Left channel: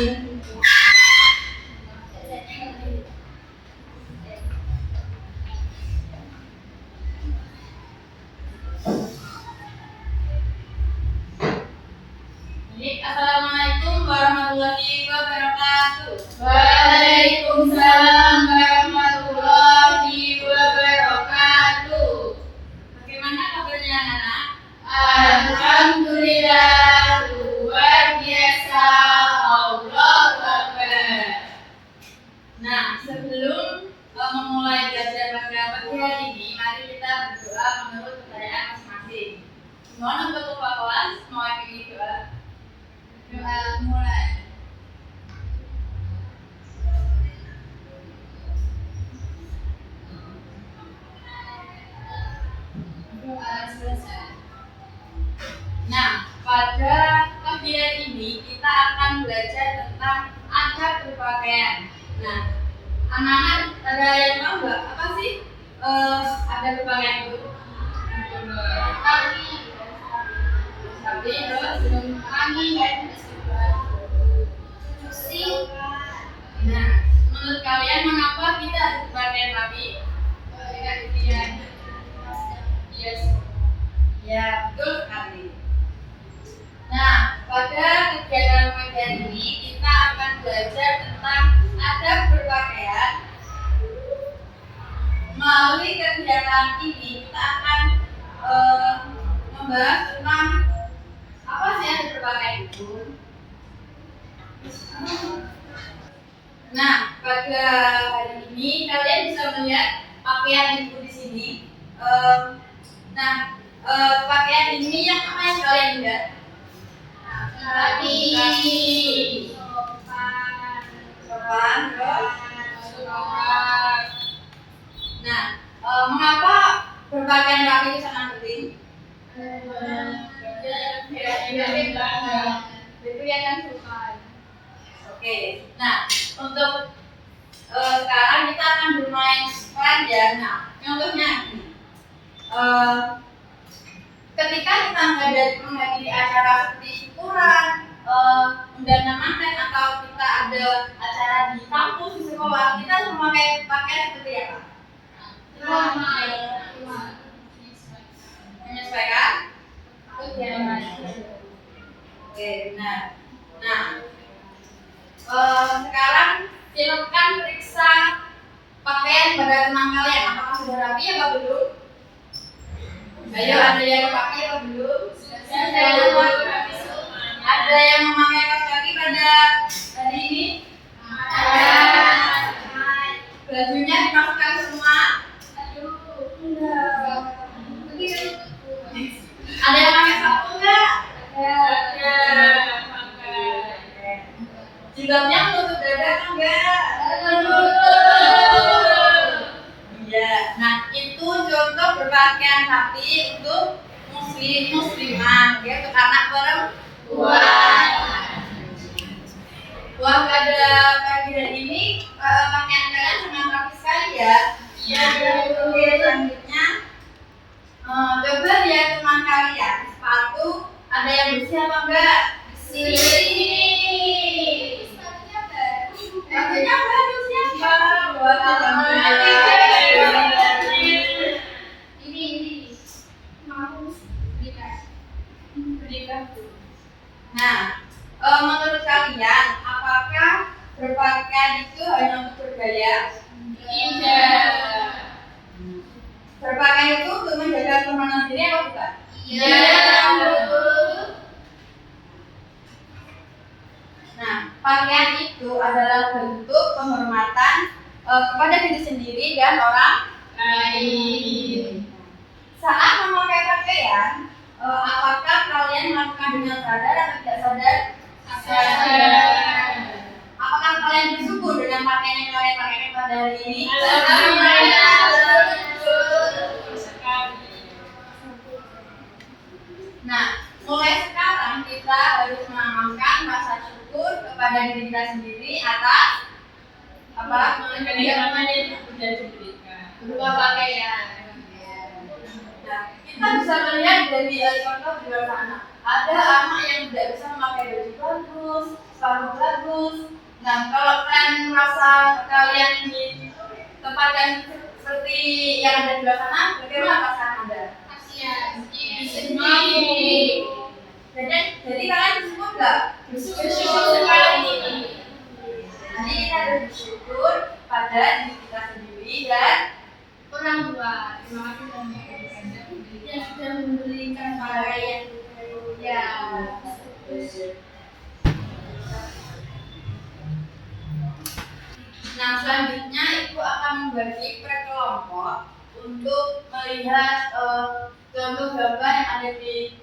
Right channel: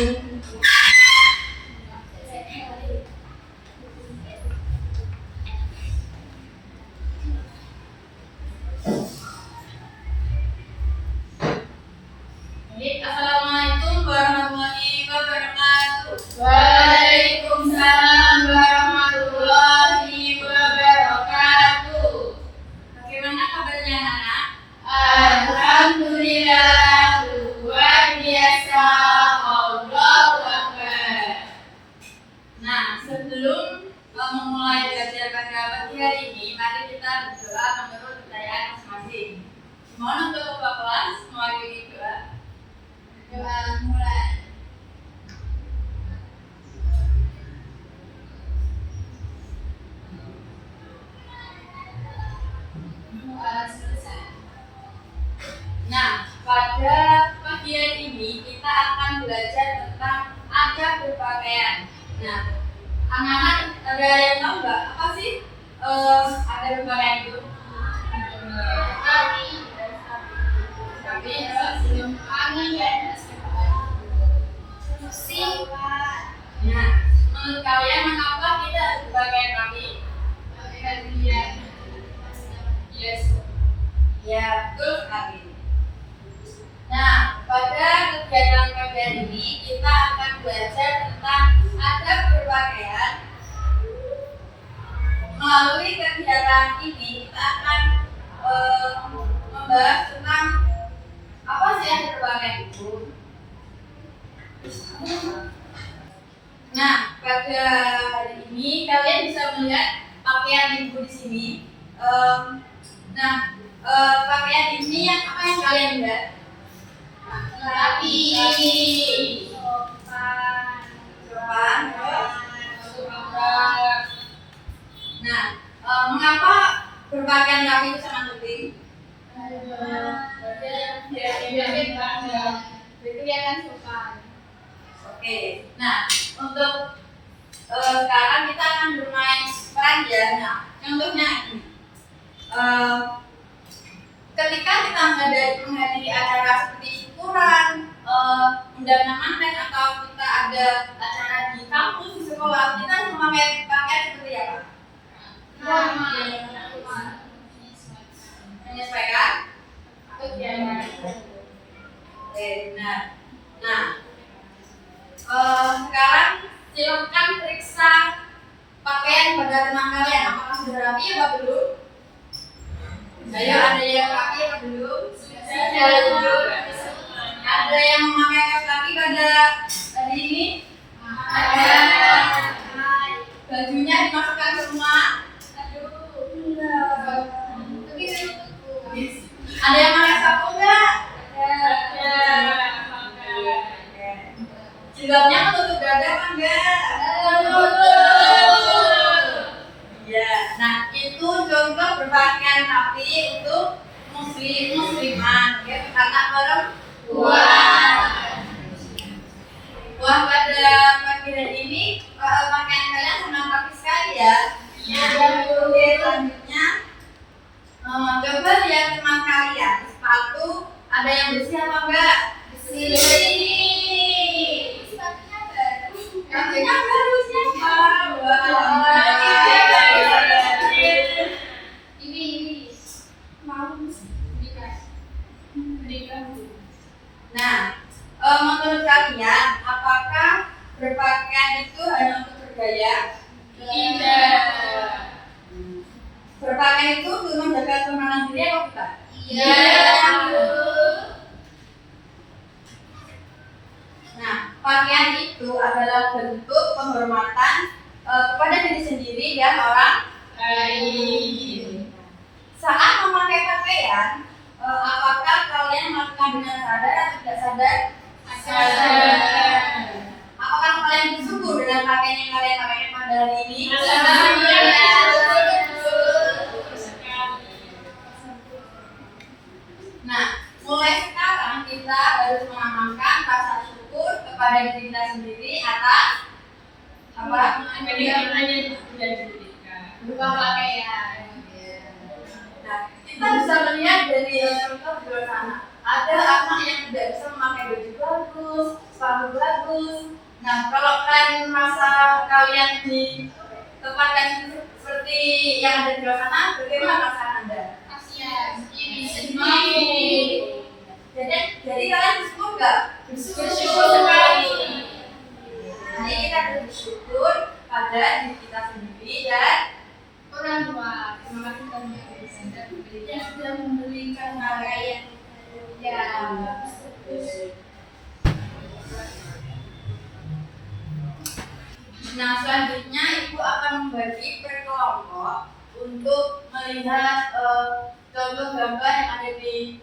Assalamualaikum warahmatullahi wabarakatuh. Waalaikumsalam warahmatullahi wabarakatuh. Bagaimana kabarnya anak-anak? Alhamdulillah, luar biasa. Allahu Akbar. Nah, sebelum memulai belajar pada pagi hari ini, mari kita berdoa menurut pertanyaan masing-masing. Mohon untuk ketua kelas mewakili doa. Doa mulai. Doa selesai. Nah, pada pagi hari ini kita akan belajar tentang adab berpakaian. Nah, anak-anak ada yang tahu nggak apa sih adab berpakaian itu? Tapi terus Angin dan nah, menurut kalian mengapa kita harus berpakaian rapi? Yes. Ya, betul sekali. Nah, pada kegiatan pagi ini kita akan belajar tentang adab berpakaian. Melalui kegiatan ini kita akan membahas tentang apa sih adab berpakaian itu. Nah, pada hari ini kalian bisa melihat pakaian ibu di sini. Pakaian ini yang apa yang kalian lihat? Rapi. Sopan, terus. Nah, mengapa berpakaian rapi itu sangat penting? Kelihatan sopan. Oke, nah untuk sekarang kita akan bermain peran ya. Nah, contohnya ini. Ketika kita menghadiri acara seperti syukuran, undangan manten atau kita ada acara di kampus di sekolah, kita harus memakai pakaian seperti apa? Menyesuaikan. Oke, benar. Nah, sekarang silakan periksa pakaian pada teman kalian. Apakah sudah rapi atau belum? Ayo, ada yang rapi atau belum? Ada yang memakai kaos kaki pada hari ini? Ada. Bajunya dimasukkan semua? Ada yang pakai sapu enggak? Jilbabnya menutup dada kan enggak? Iya. Nah, itu contoh berpakaian rapi untuk muslimah, ya, untuk anak perempuan. Wah, pada pagi hari ini pakaian kalian sangat rapi sekali ya. Iya. Oke, selanjutnya coba lihat teman kalian, sepatu ada yang bersih apa enggak? Sepatunya baru siapa? Nah, menurut kalian, apakah berpakaian itu hanya untuk bergaya? Tidak. Berpakaian itu untuk menjaga keamanan diri atau bukan? Nah, pakaian itu adalah bentuk penghormatan kepada diri sendiri dan orang lain. Saat memakai pakaian, apakah kalian melakukan dengan sadar atau tidak sadar? Sadar. Apakah kalian bersyukur dengan pakaian yang kalian pakai pada hari ini? Nah, mulai sekarang kita harus menanamkan rasa syukur kepada diri kita sendiri atas apa? Berupa pakaian. Nah, kita bisa melihat dari contoh di luar sana. ada anak yang tidak bisa memakai baju bagus, sepatu bagus. Nah, kalau kalian merasa kalian ditempatkan seperti yang ada di luar sana, bagaimana perasaan Anda? Kasihan. Sedih. Jadi kalian bersyukur nggak? Bersyukur sekali. Jadi kita harus bersyukur pada diri kita sendiri dan Orang tua. Terima kasih banyak yang sudah memberikan pakaian. Ya. Nah, selanjutnya ibu akan membagi per kelompok untuk melihat contoh gambar yang ada di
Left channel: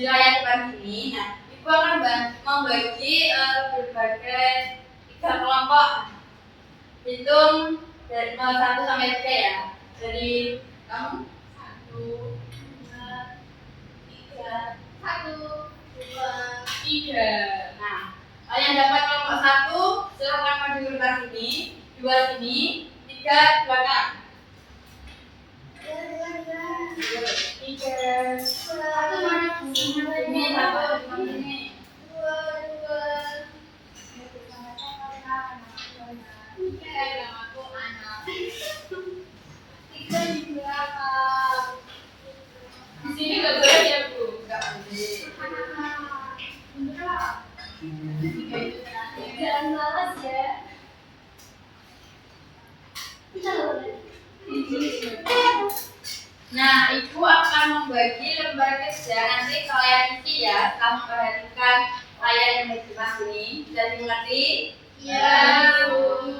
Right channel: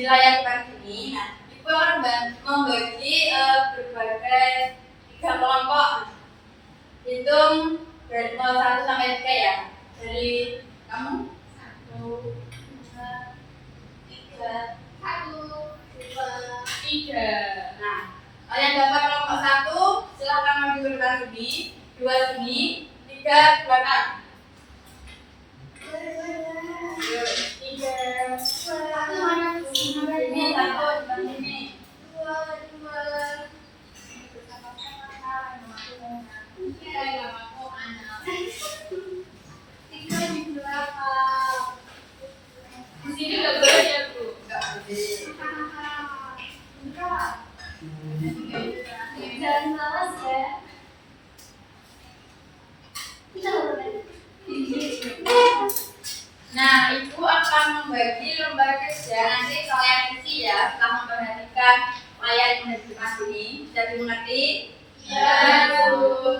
layar depan ini. Nah, ibu akan membagi berbagai 3 kelompok. Hitung dari 1 sampai 3 ya. Dari kamu 1, 2, 3. 1, 2, 3. Nah, yang dapat kelompok 1 silahkan maju ke depan sini, 2 sini, 3 belakang. 3. 1 mana? Ini 1 depan sini. 2. Namaku Ana. 3 di belakang. Di sini nggak boleh ya Bu? Enggak boleh. Jangan malas ya. Nah, ibu akan membagi lembar kerja. Nanti kalian isi ya setelah memperhatikan layar yang ada di depan sini. Sudah dimengerti? Ya Bu.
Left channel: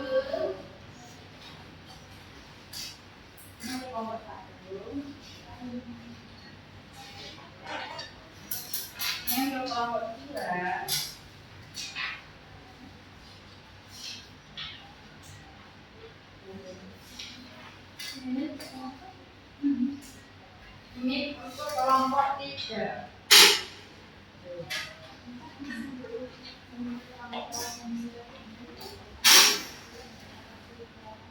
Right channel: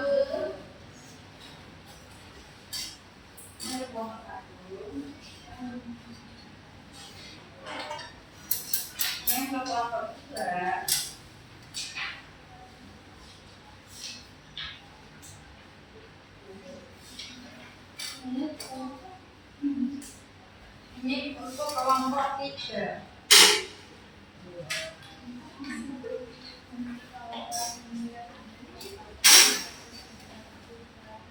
Ini kelompok 1. Ini untuk kelompok 2. Ini untuk kelompok 3.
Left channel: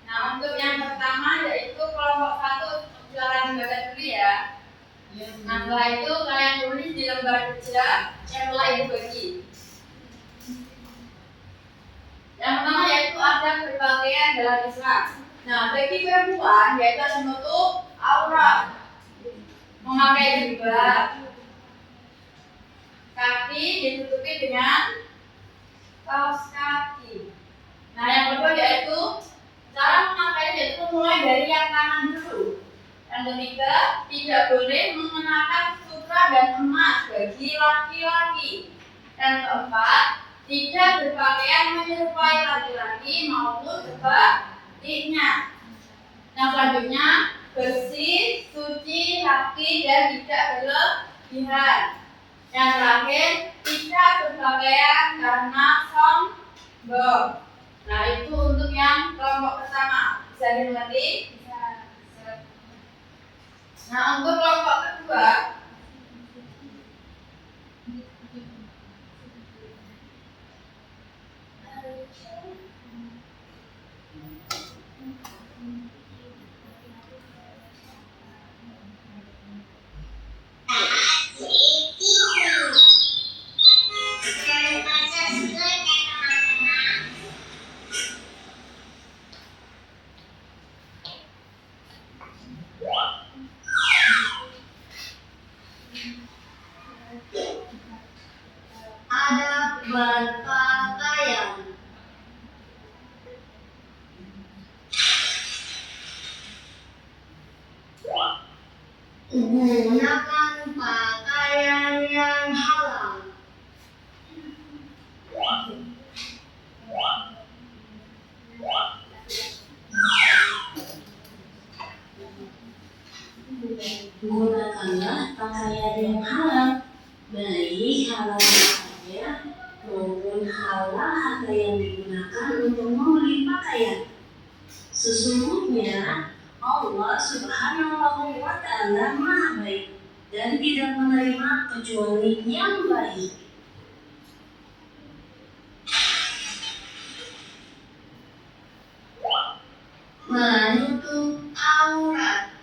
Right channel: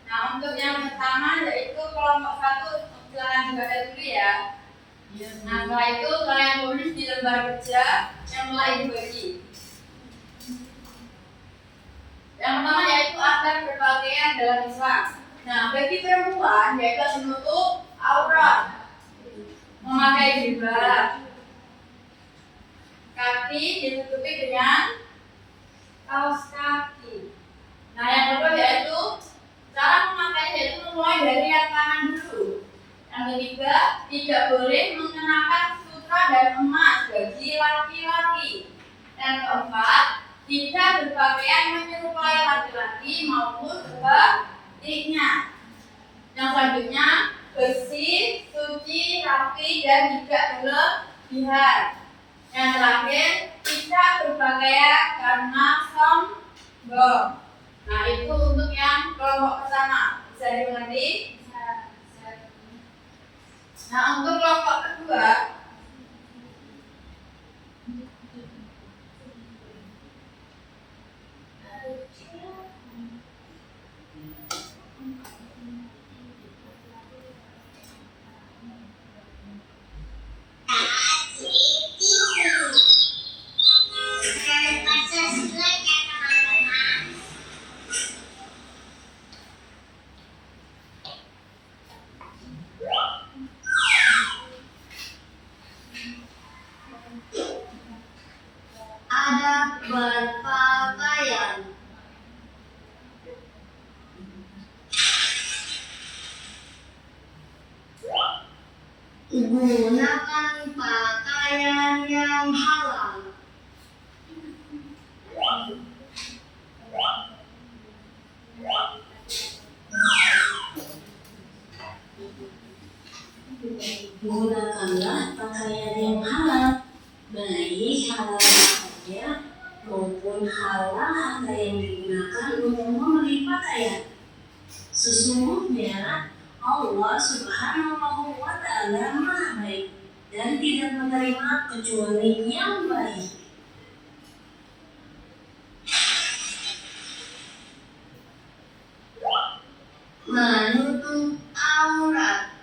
Nah, untuk yang pertama yaitu kelompok 1, silakan dibaca dulu ya. Nah, setelah itu kalian tulis di lembar kerja yang telah ibu bagi. Yang pertama yaitu ada berpakaian dalam Islam. Nah, bagi perempuan yaitu ada menutup aurat, memakai jilbab, kaki ditutupi dengan kaos kaki. Nah, yang kedua yaitu cara memakainya yaitu mulai dari yang kanan dulu. Yang ketiga, tidak boleh mengenakan sutra dan emas bagi laki-laki. Yang keempat, tidak berpakaian menyerupai laki-laki maupun sebaliknya. Yang selanjutnya, bersih, suci, rapi, dan tidak berlebihan. Yang terakhir, tidak berpakaian karena sombong. Nah, itu untuk yang kelompok pertama. Bisa dimengerti? Nah, untuk kelompok kedua, ada berpakaian. Gunakan pakaian yang halal. Gunakanlah pakaian yang halal, baik halal pakaian maupun halal harta yang digunakan untuk membeli pakaian. Sesungguhnya Allah Subhanahu wa Ta'ala Maha Baik dan tidak menerima kecuali yang baik. Menutup aurat.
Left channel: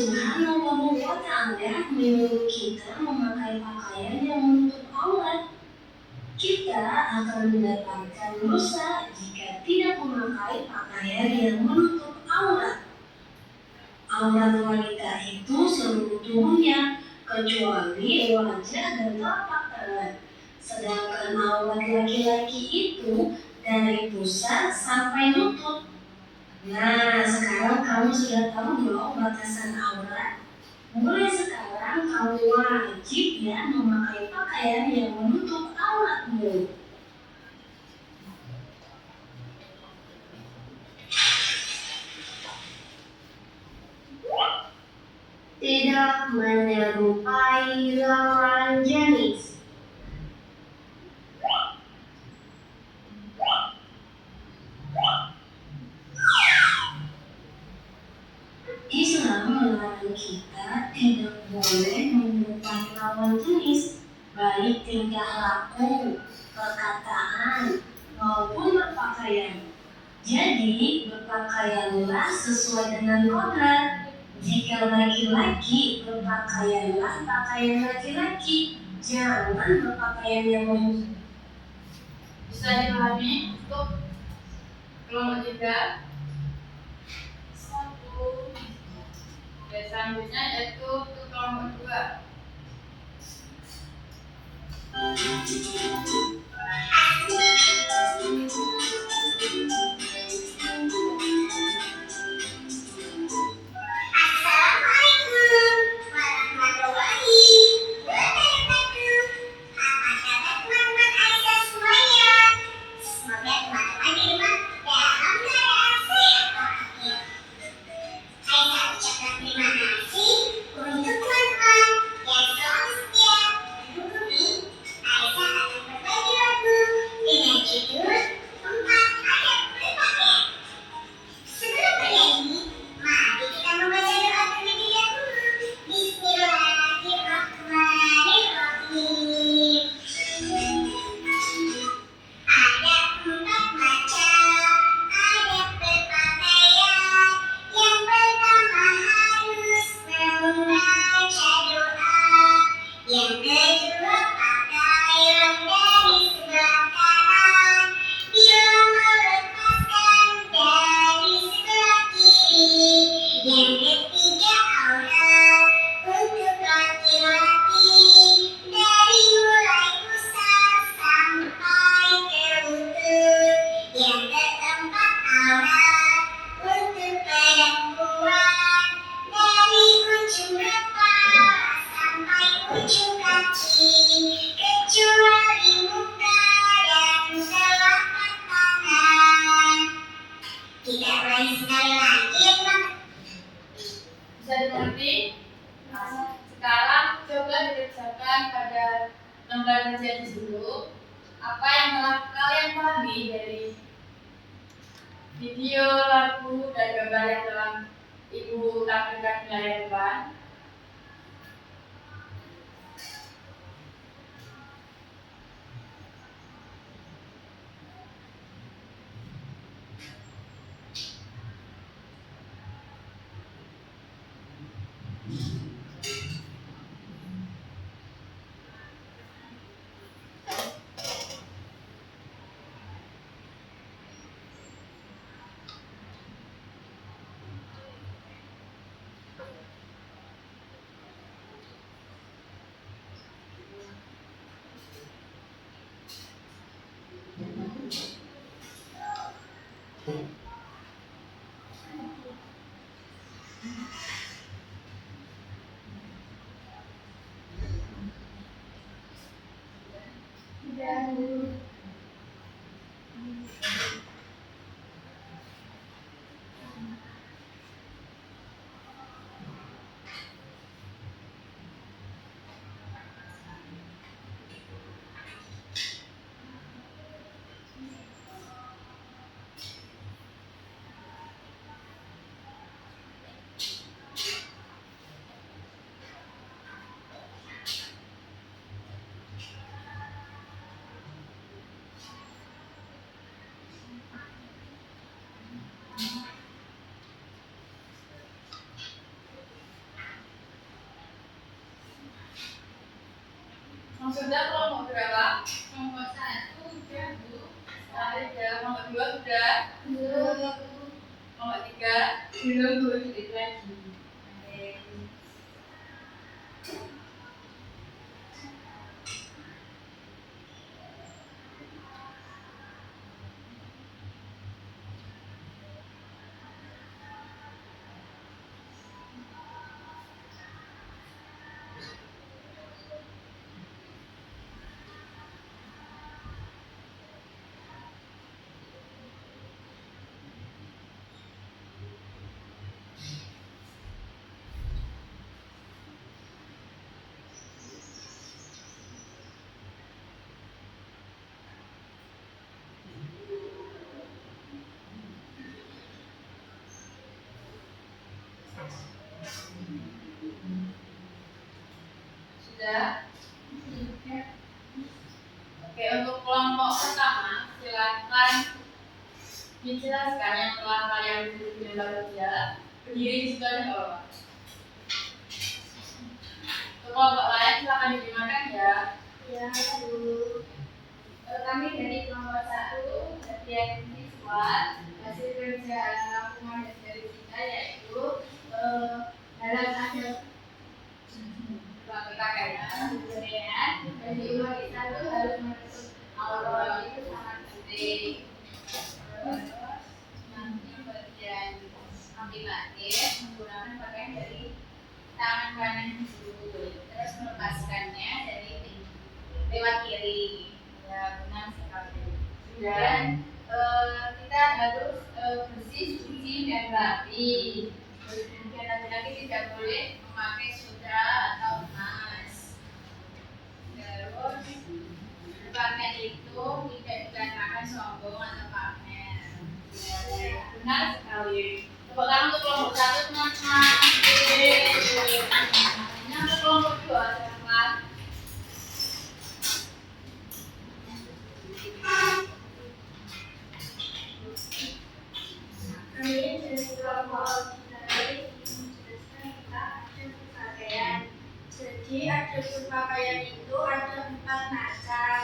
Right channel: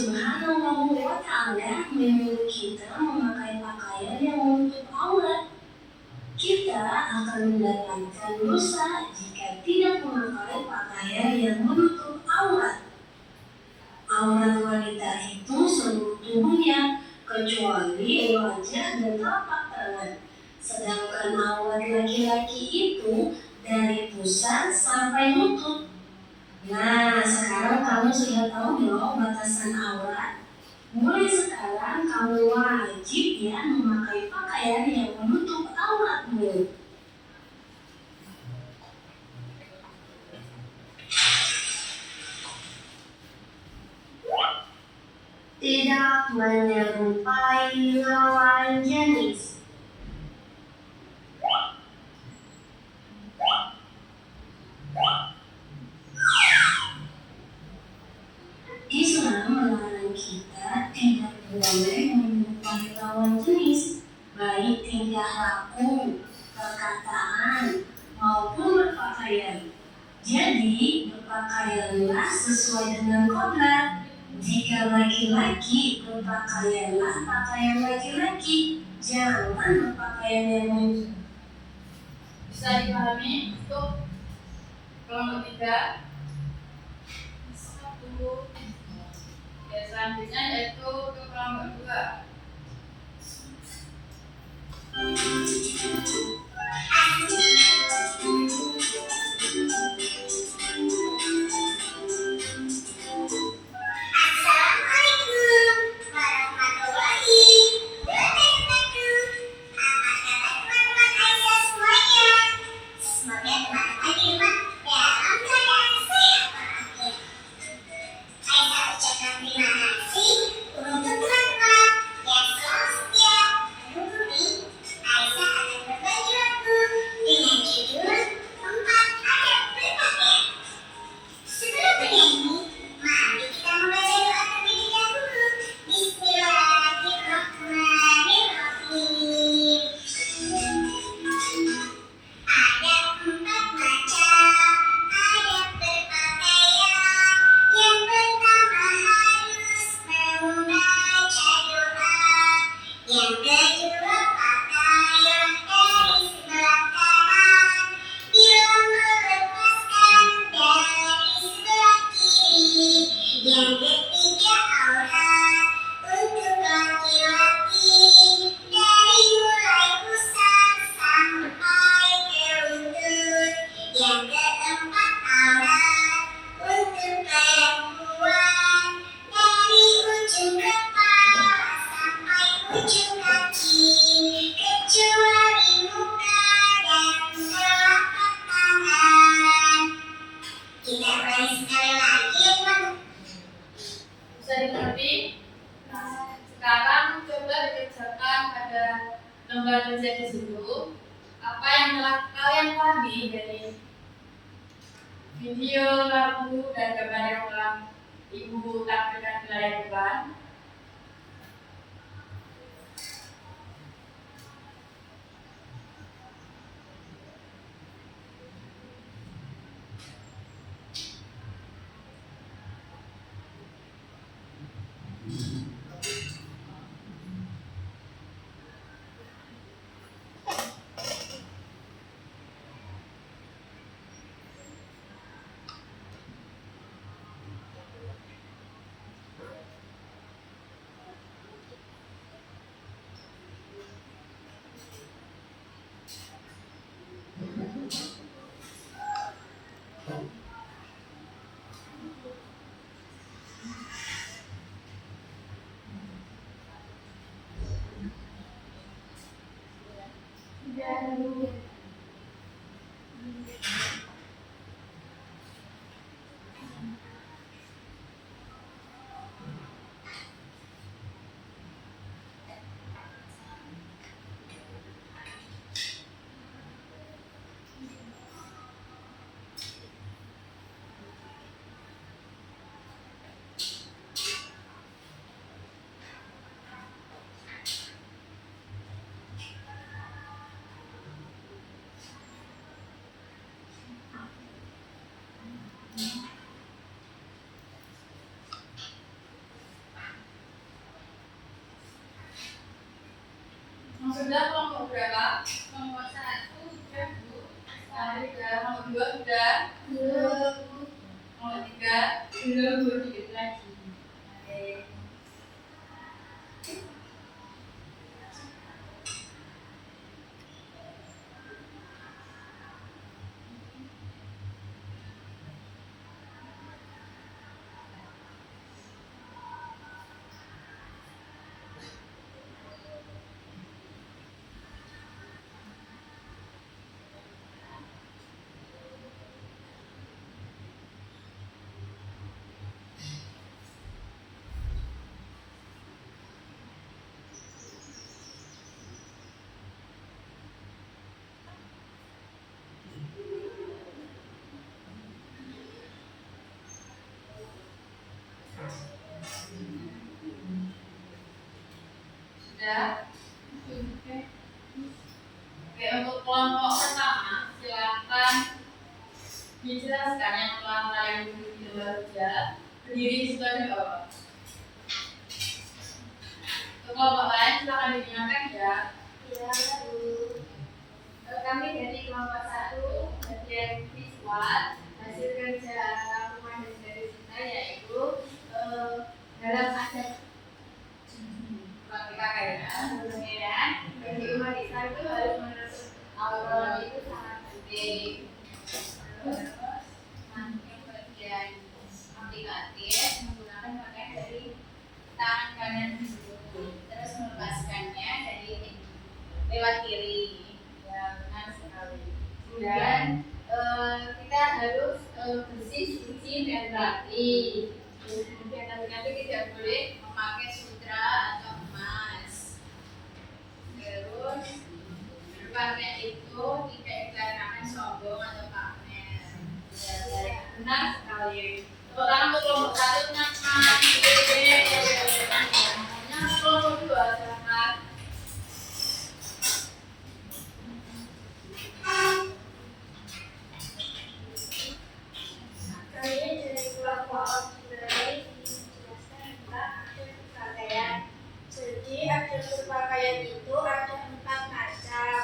Subhanahu wa Ta'ala menyuruh kita memakai pakaian yang menutup aurat. Kita akan mendapatkan dosa jika tidak memakai pakaian yang menutup aurat. Aurat wanita itu seluruh tubuhnya, kecuali wajah dan telapak tangan. Sedangkan aurat laki-laki itu dari pusat sampai lutut. Nah, sekarang kamu sudah tahu dong batasan aurat. Mulai sekarang kamu wajib ya memakai pakaian yang menutup auratmu. Tidak menyerupai lawan jenis. Islam melarang kita tidak boleh menyerupai lawan jenis, baik tingkah laku, perkataan, maupun berpakaian. Jadi, berpakaianlah sesuai dengan kodrat. Jika laki-laki, berpakaianlah pakaian laki-laki, jangan berpakaian yang menutup. Bisa dipahami untuk kelompok 3? Satu. Ya, selanjutnya yaitu untuk kelompok 2. Bisa dimengerti? Nah, sekarang coba dikerjakan pada lembar kerja di situ. Apa yang telah kalian pahami dari video, lagu, dan gambar yang telah Ibu tampilkan di layar depan? Sudah kelompok berapa? Kelompok 1 sudah Bu. Sudah. Kelompok 2 sudah. Kelompok 3 belum Bu, dikit lagi. Oke. Sudah? Oke, untuk kelompok pertama, silakan dijelaskan yang telah yang duduk di lembar kerja. Berdiri di situ aja nggak apa-apa. Untuk kelompok lain silakan digunakan ya. Ya, Bu. Kami dari kelompok 1 bagian visual, hasil kerja rangkuman dari kita yaitu dalam adab pakaian bagi umat Islam itu harus menutup aurat itu sangat penting. Terus nanti bagian aplikatif menggunakan pakaian dari tangan kanan dulu, terus melepaskannya dari lewat kiri. Ya, benar sekali. Dan kita harus bersih, suci dan rapi. Kemudian laki-laki tidak boleh memakai sutra atau emas. Terus berpakaian itu tidak dikarenakan sombong atau pamer. Ya, benar sekali. Tepuk tangan untuk kelompok 1 teman-teman. Untuk kelompok 2 silakan. Kami dari kelompok auxiliary menjelaskan tentang adab berpakaian. Jadi adab berpakaian itu ada 4 macam.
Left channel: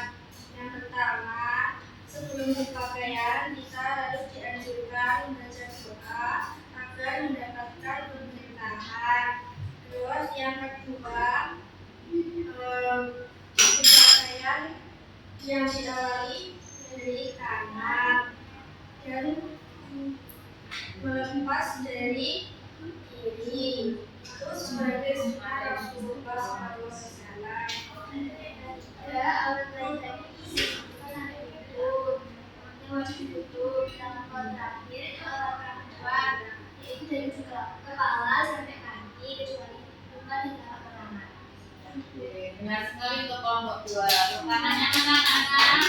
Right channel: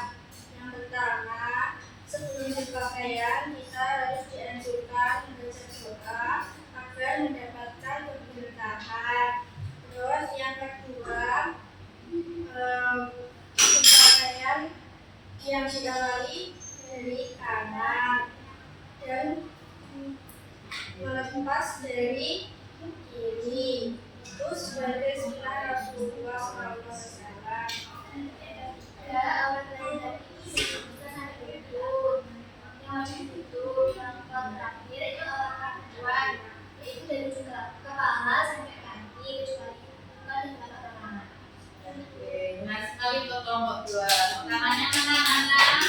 Yang pertama, sebelum berpakaian kita harus dianjurkan membaca doa agar mendapatkan keberkahan. Terus yang kedua, berpakaian yang diawali dari kanan dan melepas dari kiri. Itu sebagai sunnah Rasulullah SAW. Ya, awal dari disebutkan ada itu yang wajib duduk, yang terakhir itu awal kaki, yaitu dari kepala sampai kaki kecuali bukan di telapak tangan. Benar sekali untuk kelompok 2. Tangannya anak-anak.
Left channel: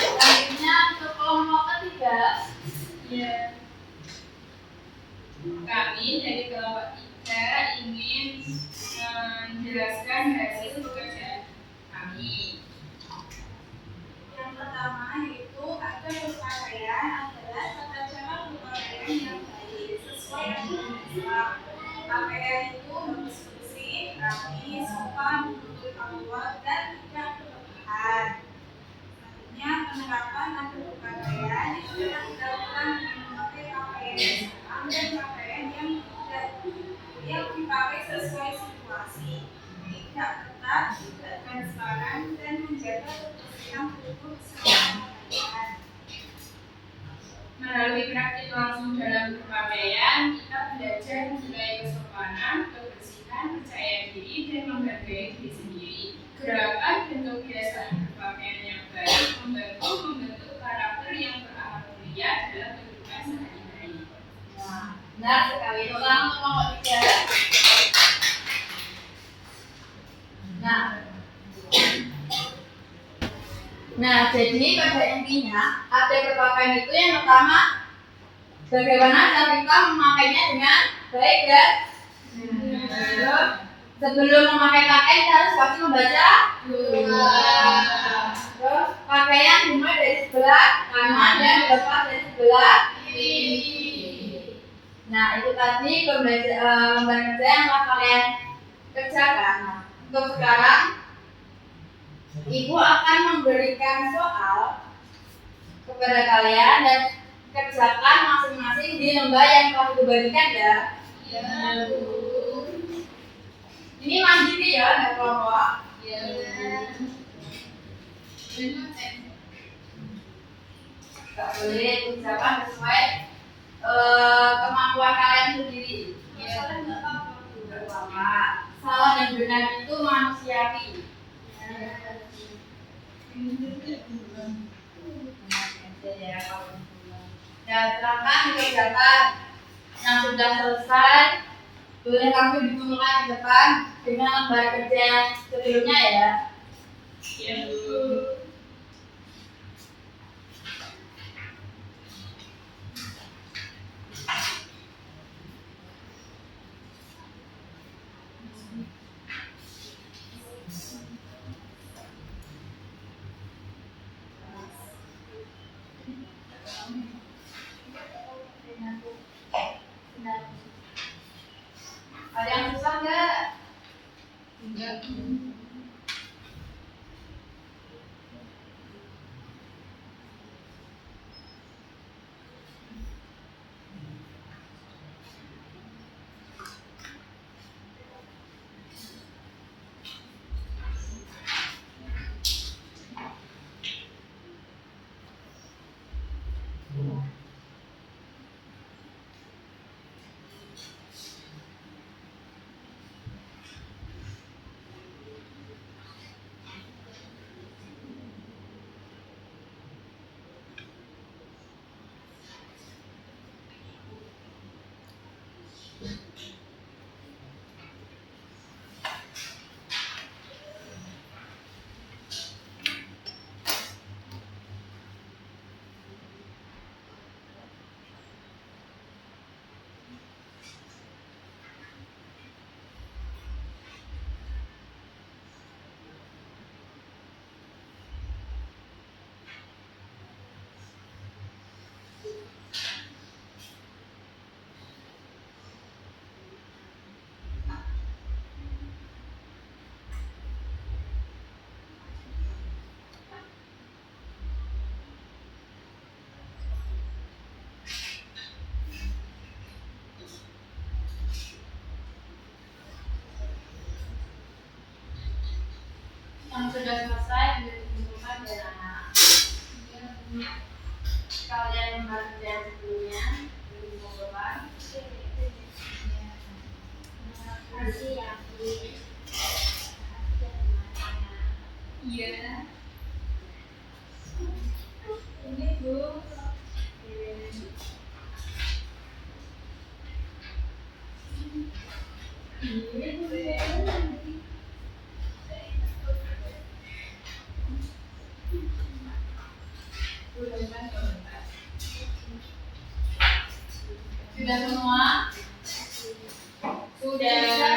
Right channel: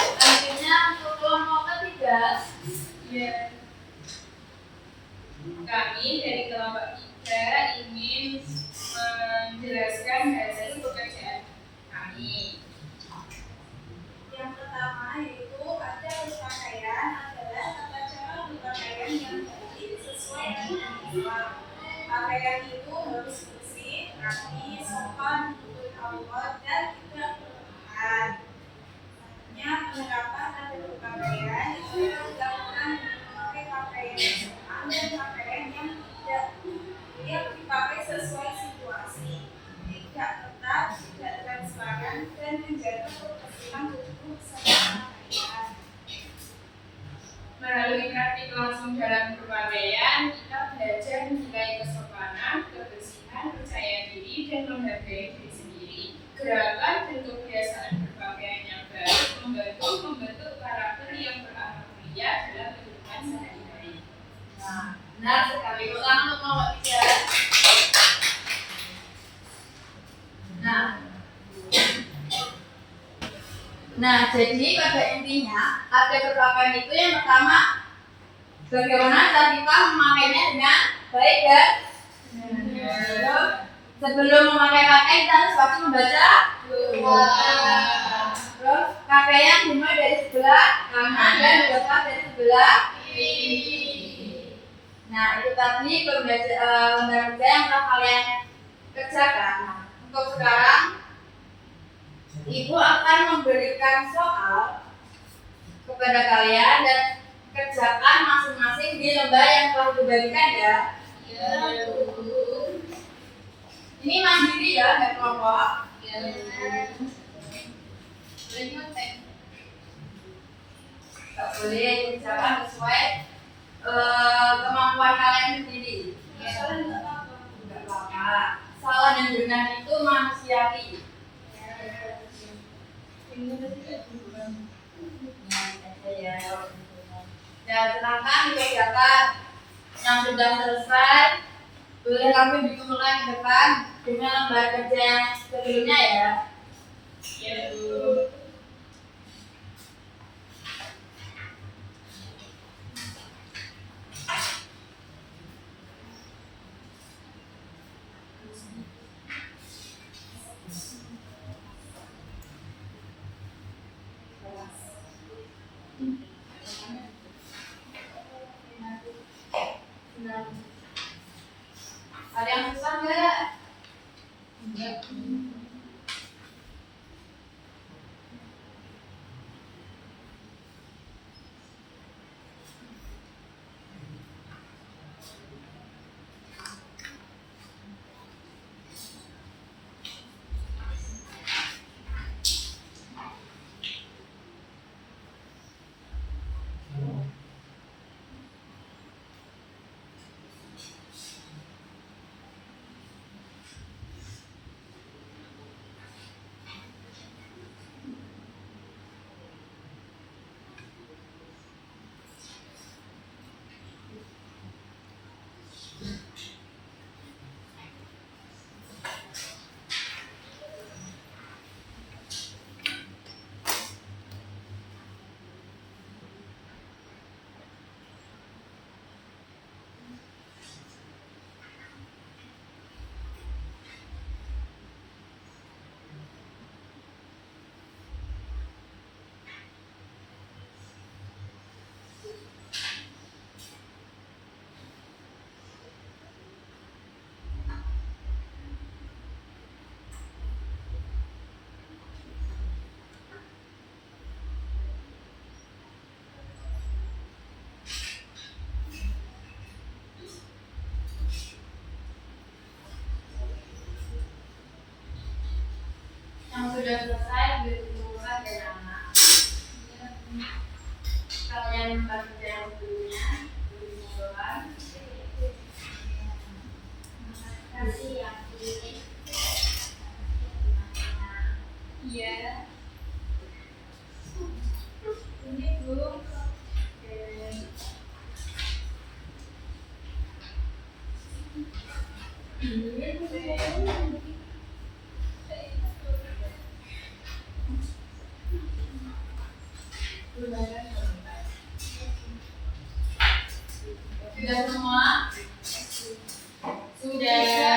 Selanjutnya untuk kelompok ketiga, ya, kami dari kelompok 3 ingin menjelaskan hasil pekerjaan kami. Yang pertama yaitu adab berpakaian adalah tata cara berpakaian yang baik sesuai dengan Islam. Pakaian itu harus bersih, rapi, sopan, menutup aurat dan tidak berlebihan. Selanjutnya penerapan adab berpakaian itu dapat dilakukan dengan memakai pakaian yang sopan dan pakaian yang dipakai sesuai situasi, tidak ketat, tidak transparan, dan menjaga kebersihan tubuh serta pakaian. Melalui praktik langsung dalam berpakaian, kita belajar mencintai kesopanan, kebersihan, percaya diri, dan menghargai diri sendiri. Gerakan dan kebiasaan berpakaian yang baik membentuk karakter yang berakhlak mulia dalam kehidupan sehari-hari. Nah, benar sekali. Ulang untuk kelompok 3. Nah, jadi pada intinya adab berpakaian itu yang pertama, bagaimana cara kita memakainya dengan baik dan benar. Sebelum memakai pakaian kita harus pasti membaca doa. Terus pakaian dimulai dari sebelah kanan dan dilepas dari sebelah kiri. Nah, itu tadi lembar kerja yang telah kalian kerjakan. Nah, untuk sekarang Ibu akan memberikan soal kepada kalian dan kerjakan masing-masing di lembar yang telah dibagikan ya. Iya, Bu. Ini mandiri ya, nggak kelompok. Iya, Bu. Terima kasih. Nggak boleh kerjakan sesuai kemampuan kalian sendiri. Salah nggak apa-apa. Nggak apa-apa. Salah dan benar itu manusiawi. Dan silakan dikerjakan yang sudah selesai boleh langsung dikumpulkan ke depan dengan lembar kerja yang sebelumnya ya. Iya, Bu. Ada yang susah nggak? Enggak. Yang sudah selesai dikumpulkan ya anak. Kalian membaca yang sebelumnya boleh dikumpulkan. Kasih ya, Bu. Iya. Ini, Bu. Sudah semua? Sudah.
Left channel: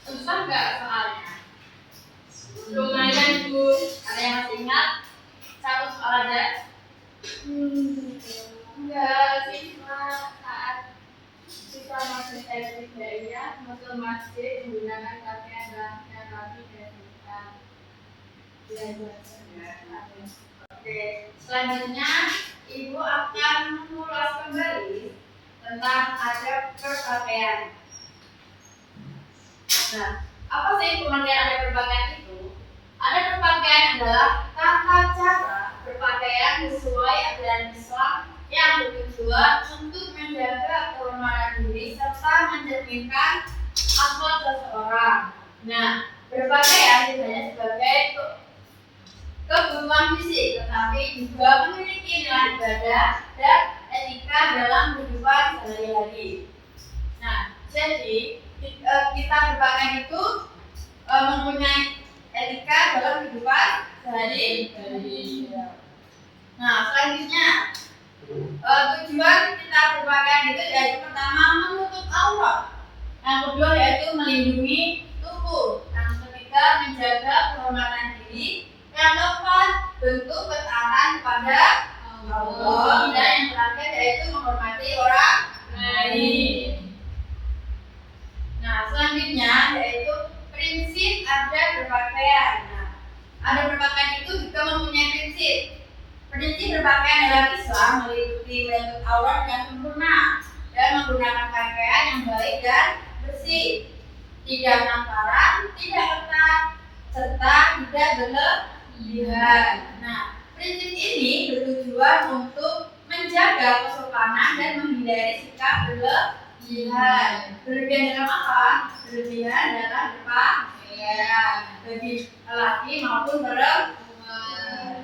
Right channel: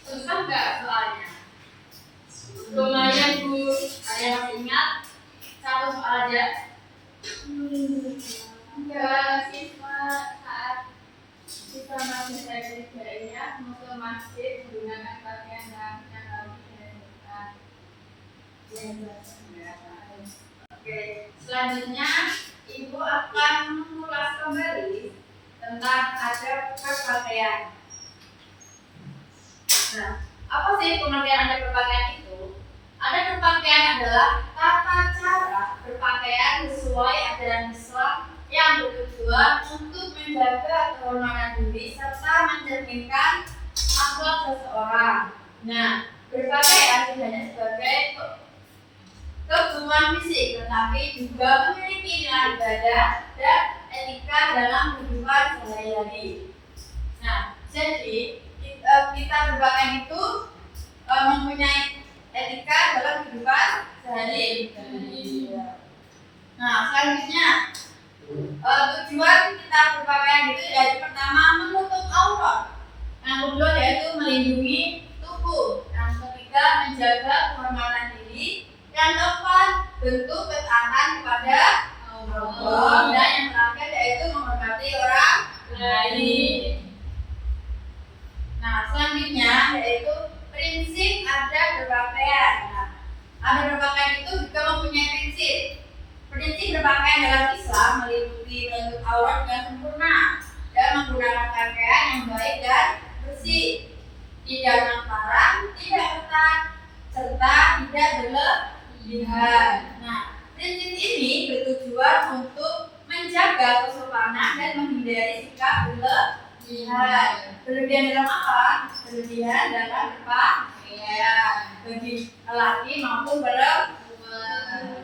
Susah nggak soalnya? Lumayan Bu. Ada yang masih ingat? Satu soal aja. Enggak, siswa saat siswa masih saya kerjanya mau ke masjid menggunakan pakaian yang rapi dan hitam. Oke, selanjutnya Ibu akan mengulas kembali tentang adab berpakaian. Nah, apa sih pengertian adab berpakaian itu? Adab berpakaian adalah tata cara berpakaian sesuai ajaran Islam yang bertujuan untuk menjaga kehormatan diri serta mencerminkan akhlak seseorang. Nah, berpakaian tidak hanya sebagai kebutuhan fisik, tetapi juga memiliki nilai ibadah dan etika dalam kehidupan sehari-hari. Nah, jadi kita berpakaian itu mempunyai etika dalam kehidupan sehari-hari. Nah, selanjutnya tujuan kita berpakaian itu yaitu pertama menutup aurat, yang kedua yaitu melindungi tubuh, yang ketiga menjaga kehormatan diri, yang keempat bentuk ketaatan kepada Allah, dan yang terakhir yaitu menghormati orang lain. berpakaian. Nah, adab berpakaian itu juga mempunyai prinsip. Prinsip berpakaian dalam Islam meliputi menutup aurat dengan sempurna dan menggunakan pakaian yang baik dan bersih, tidak transparan, tidak ketat, serta tidak berlebihan. Nah, prinsip ini bertujuan untuk menjaga kesopanan dan menghindari sikap berlebihan. Berlebihan dalam apa? Berlebihan dalam berpakaian bagi laki maupun perempuan.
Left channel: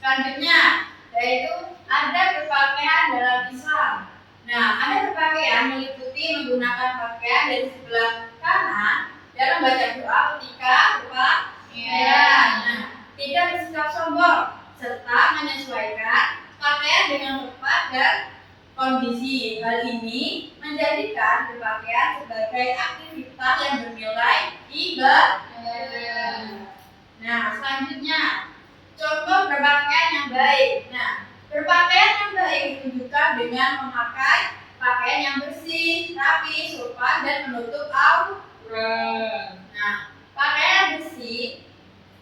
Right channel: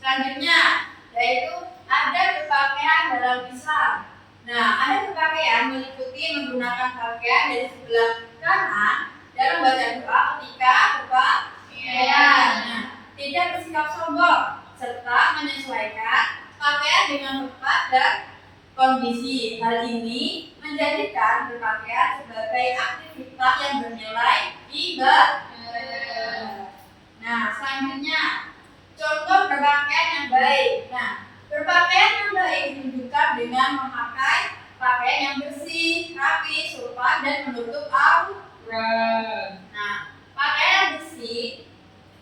Selanjutnya yaitu adab berpakaian dalam Islam. Nah, adab berpakaian meliputi menggunakan pakaian dari sebelah kanan dalam membaca doa ketika berpakaian. Nah, tidak bersikap sombong serta menyesuaikan pakaian dengan tepat dan kondisi. Hal ini menjadikan berpakaian sebagai aktivitas yang bernilai ibadah. Nah, selanjutnya contoh berpakaian yang baik. Nah, berpakaian yang baik ditunjukkan dengan memakai pakaian yang bersih, rapi, sopan, dan menutup aurat. Nah, pakaian bersih,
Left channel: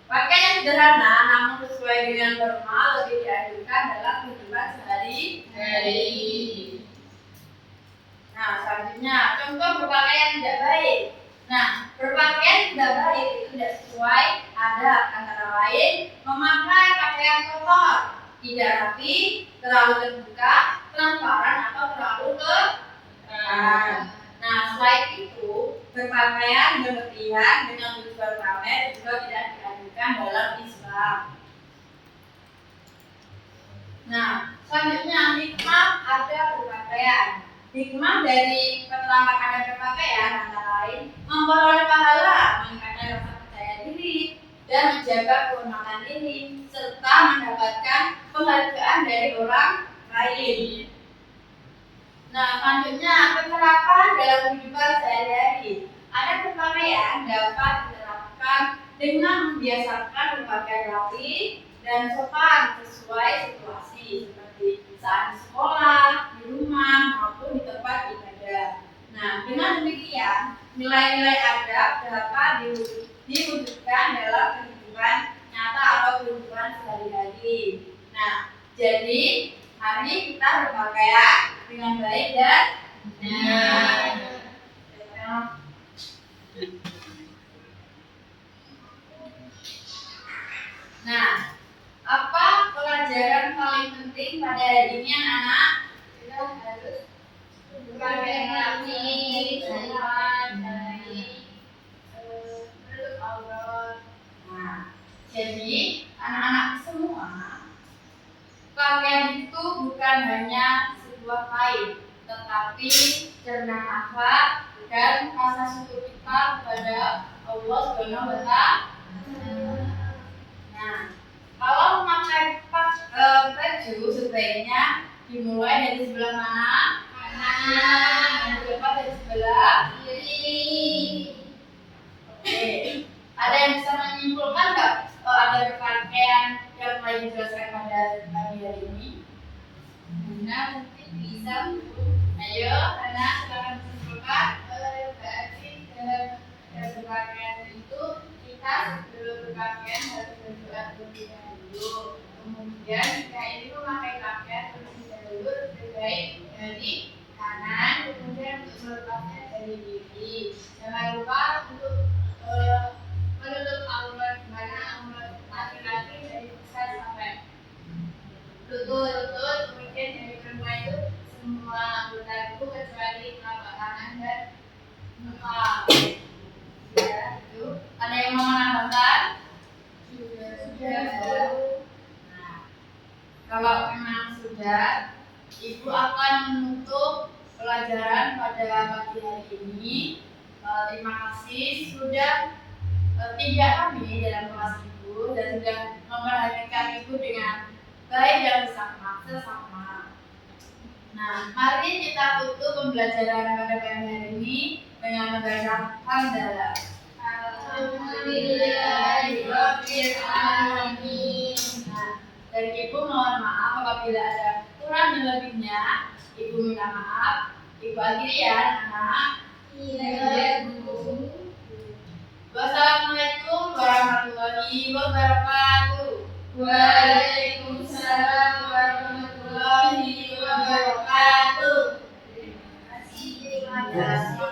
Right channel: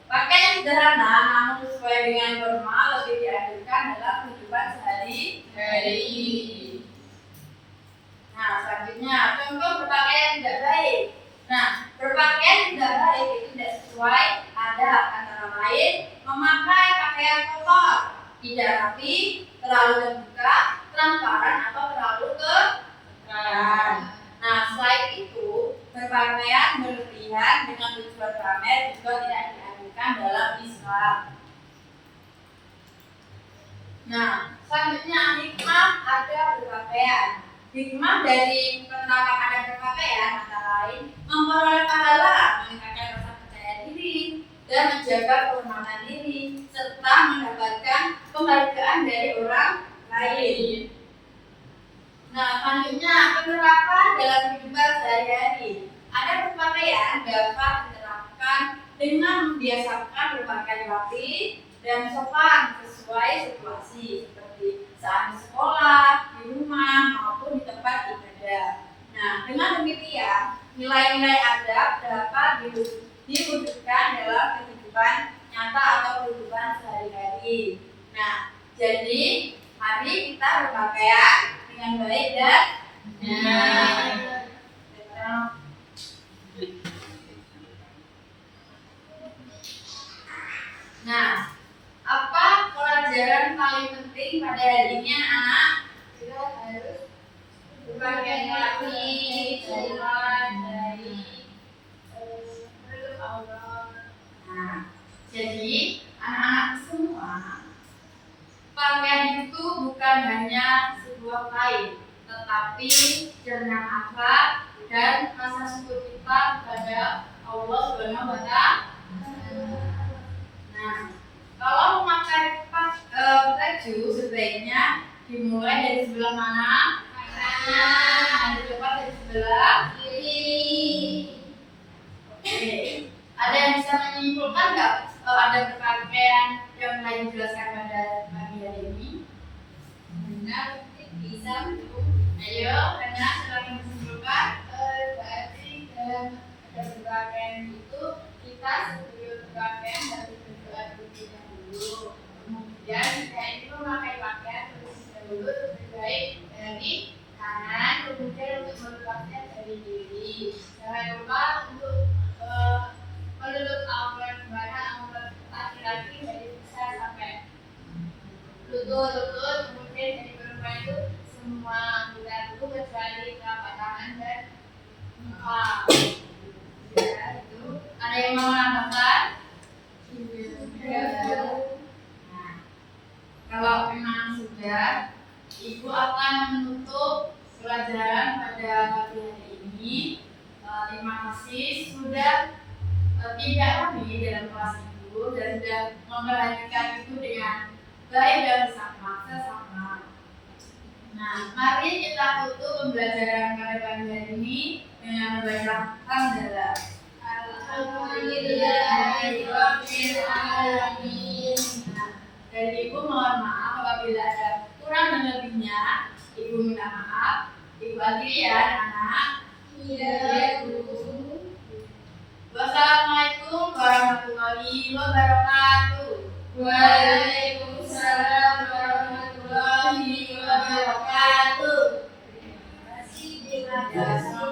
pakaian yang sederhana namun sesuai dengan norma lebih dianjurkan dalam kehidupan sehari-hari. Nah, selanjutnya contoh berpakaian tidak baik. Nah, berpakaian tidak baik itu tidak sesuai adab, antara lain memakai pakaian kotor, tidak rapi, terlalu terbuka, transparan, atau terlalu terang. Nah, selain itu berpakaian berlebihan dengan tujuan pamer juga tidak dianjurkan dalam Islam. Nah, selanjutnya hikmah adab berpakaian. Hikmah dari penerapan adab berpakaian antara lain memperoleh pahala, meningkatkan rasa percaya diri, dan menjaga kehormatan diri, serta mendapatkan penghargaan dari orang lain. Nah, selanjutnya penerapan dalam kehidupan sehari-hari. Adab berpakaian dapat diterapkan dengan membiasakan berpakaian rapi dan sopan sesuai situasi, seperti saat di sekolah, di rumah, maupun di tempat ibadah. Nah, dengan demikian nilai-nilai adab dapat diwujudkan dalam kehidupan nyata atau kehidupan sehari-hari. Nah, jadi mari kita berpakaian dengan baik dan benar. Nah, apa pelajaran paling penting pada hari ini anak-anak? Kita harus berpakaian rapi, sopan, dari menutup aurat. Nah, jadi anak-anak semua, pakaian itu bukan hanya sebuah kain, tetapi cerminan akhlak dan rasa syukur kita kepada Allah Subhanahu wa Ta'ala. Nah, kalau memakai baju sebaiknya dimulai dari sebelah mana? Kanan. Ada dapat dari sebelah kiri. Oke. Ada yang bisa menyimpulkan nggak ada berpakaian yang lain dijelaskan pada pagi hari ini? Nah, mungkin bisa. Ayo, Rena, silakan menyimpulkan. Berarti dalam berpakaian itu kita sebelum berpakaian harus berdoa terlebih dahulu. Kemudian kita itu memakai pakaian terlebih dahulu lebih baik dari kanan, kemudian untuk melepasnya dari kiri. Jangan lupa untuk menutup aurat, dimana aurat laki-laki dari besar sampai lutut, kemudian dari perempuan itu semua anggota tubuh kecuali telapak tangan dan muka. Ya, itu. Ada yang mau menambahkan? Sudah. Nah, kalau memang sudah, Ibu akan menutup pelajaran pada pagi hari ini. Terima kasih sudah tidak kami dalam kelas Ibu dan sudah memperhatikan Ibu dengan baik dan sesama. Nah, mari kita tutup pembelajaran pada pagi hari ini dengan membaca hamdalah. Alhamdulillahirabbil alamin. Nah, dari Ibu mohon maaf apabila ada kurang dan lebihnya. Ibu minta maaf. Ibu akhiri ya, anak. Iya, Bu. Wassalamualaikum Terima kasih.